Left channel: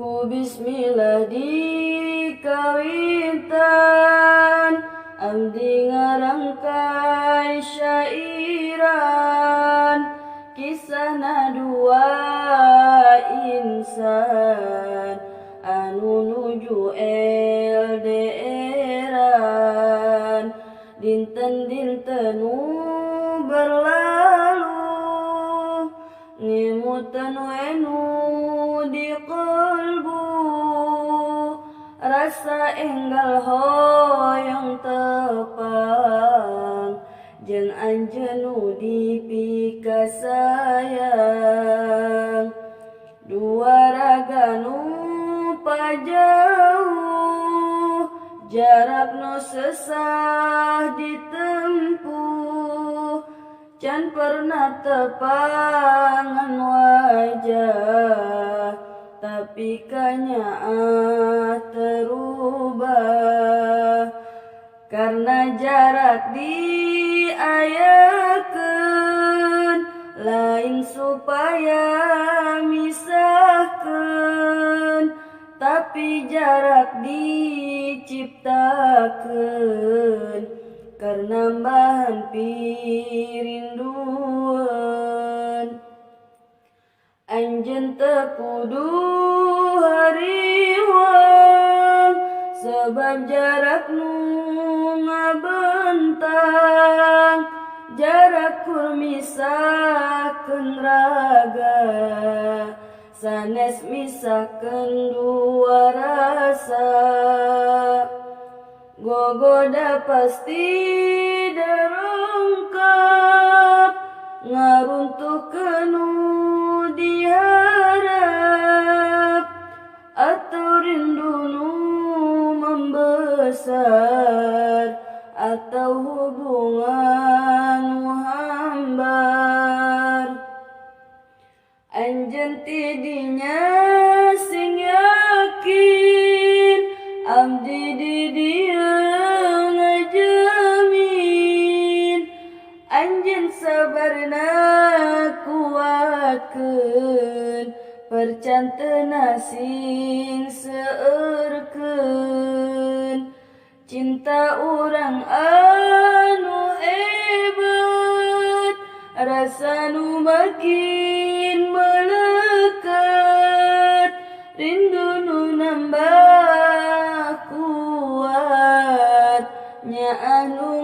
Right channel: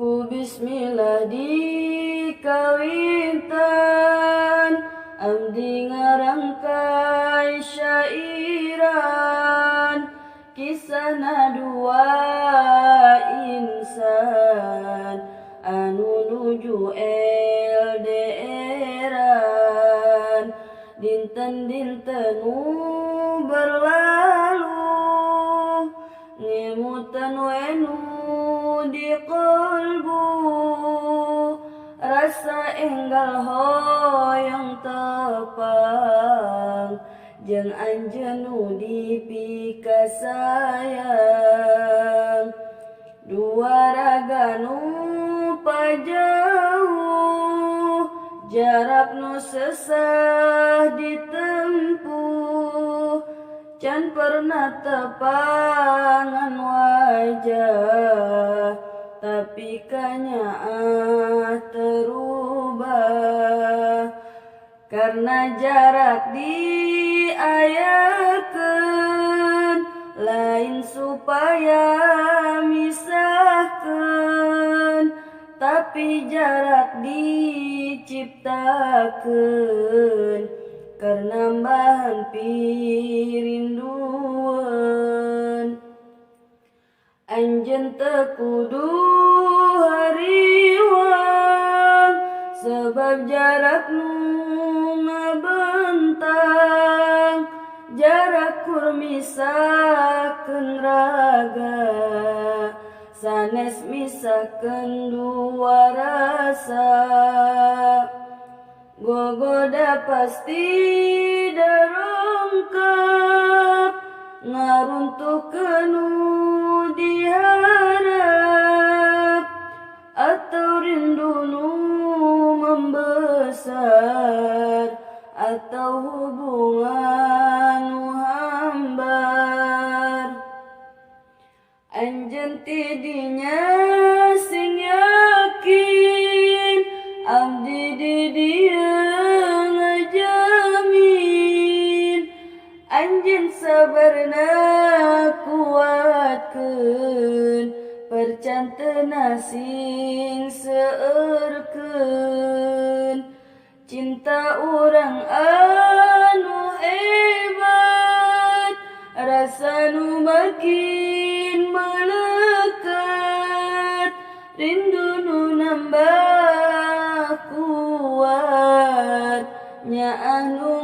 Ku bismillah dikawintan, abdi ngarangkai syairan, kisahna dua insan anu nuju LDR-an. Dinten-dinten nu berlalu ngemutan wenu di kalbu, rasa enggal hoyong tepang jeung anjeun nu dipika sayang. Dua raga nu pajauh, jarak nu sesah ditempuh, can pernah tepangan wajah, tapi kanyaah terubah. Karena jarak diayakeun, lain supaya misahkeun, tapi jarak diciptakeun karena bahan pirinduan. Anjeun teu kudu hariwang, sebab jarak nu ngabentang, jarak kur misahkeun raga, sanes misahkeun dua rasa. Gogoda pasti darongkap, ngaruntuhkeun nu diharap, atau rindu nu membesar, atau hubungan nu hambar. Anjeun tidinya sing yakin, abdi di dieu ngajamin. Anjeun sabarna kuatkeun, percanteuna sing seueurkeun. Cinta urang anu hebat, rasa nu makin melekat, rindu nu nambah kuat, nyaah nu